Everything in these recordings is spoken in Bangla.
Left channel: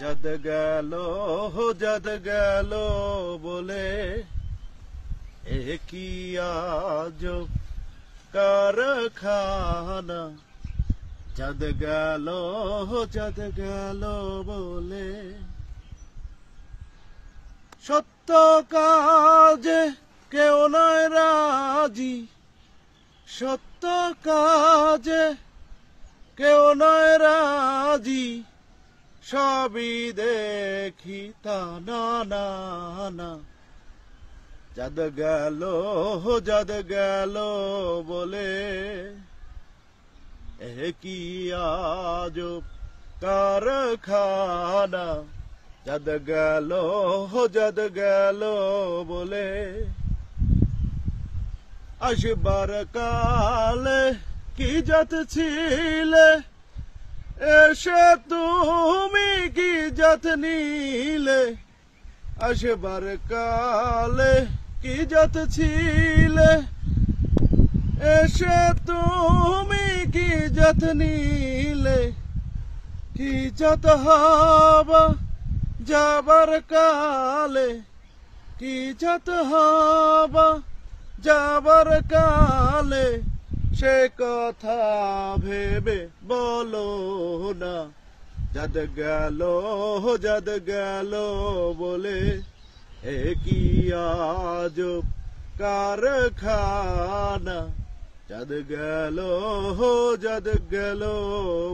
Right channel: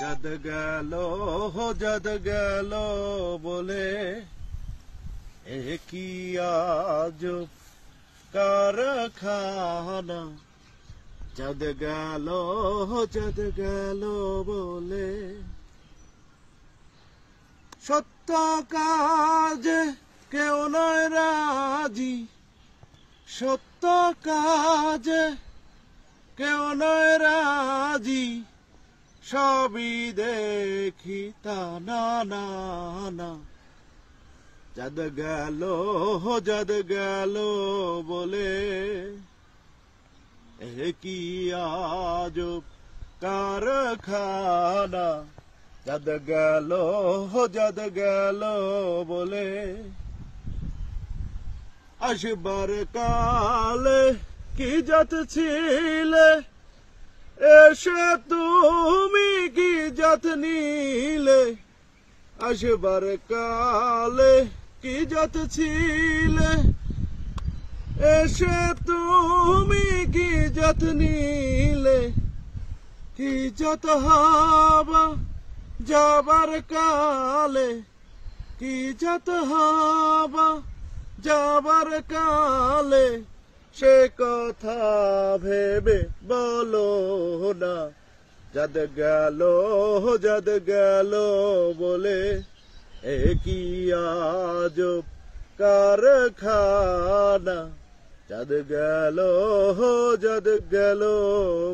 जद गल बोले एक ही आजब कारखाना जद गल बोले সত্য কাজে কেউ নয় রাজি সত্য কাজে কেউ নয় রাজি সবই দেখি তা না না না जद गल बोले एक ही आजब कारखाना जद गल बोले আসবার কালে কি জাত ছিলে এসে তুমি কি জাত নিলে আসবার কালে কি জাত ছিলে এসে তুমি কি জাত নিলে কি জাত হবা যাবার কালে কি জাত হবা যাবার কালে সে কথা ভেবে বলো না जद गल बोले एक ही आजब कारखाना जद गल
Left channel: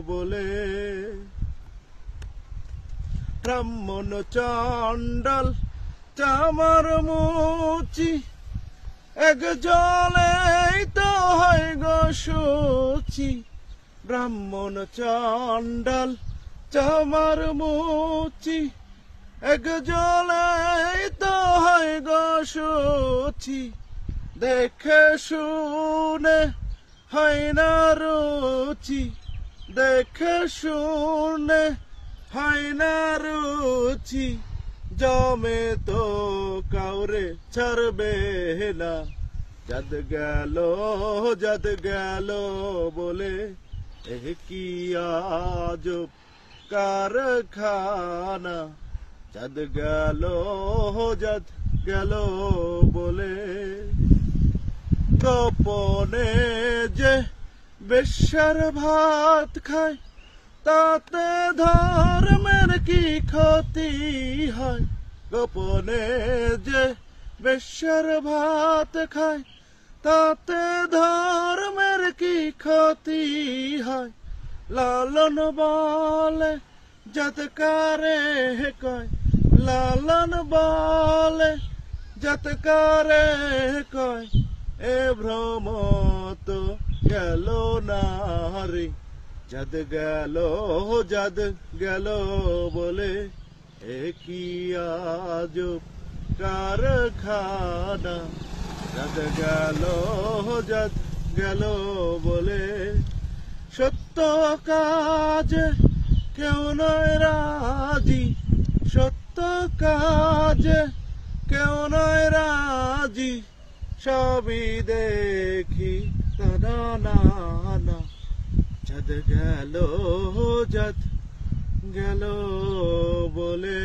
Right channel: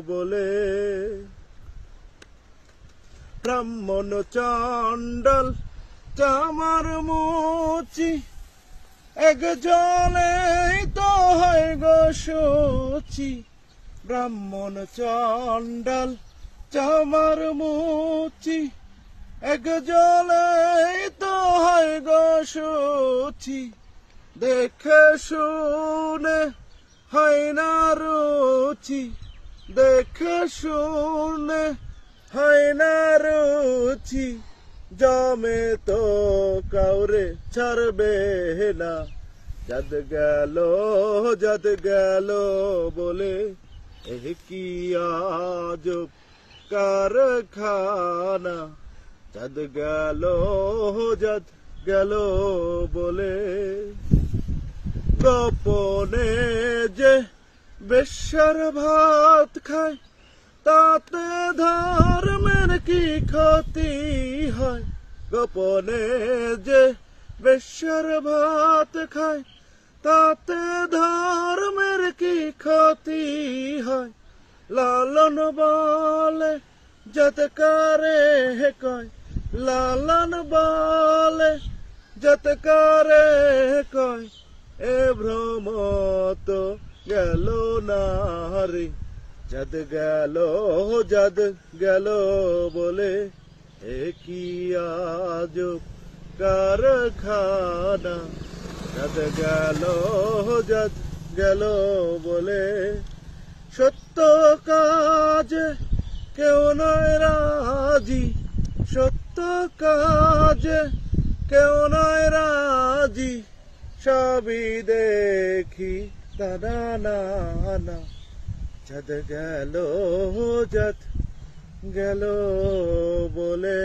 बोले ব্রাহ্মণ চণ্ডাল চামার মুচি এক জলে তো হয় গো সূচি ব্রাহ্মণ চণ্ডাল চামার মুচি এক জলে তো হয় গো সূচি দেখে শুনে হয় না রুচি দেখে শুনে হয় না রুচি জমে তো কাউরে ছাড়বে না जद गल बोले एक ही आजब कारखाना जद गल बोले গোপনে যে বেশ্যার ভাত খায় তাতে ধর্মের কি ক্ষতি হয় গোপনে যে বেশ্যার ভাত খায় তাতে ধর্মের কি ক্ষতি হয় লালন বলে যতকারে কয় লালন বলে যতকারে কয় এ ভ্রম তো গেল না রে जद गल बोले एक ही आजब कारखाना जद गल बोले সত্য কাজ কেউ নয় রাজি সত্য কাজ কেউ নয় রাজি সবই দেখি তা না না जद गल बोले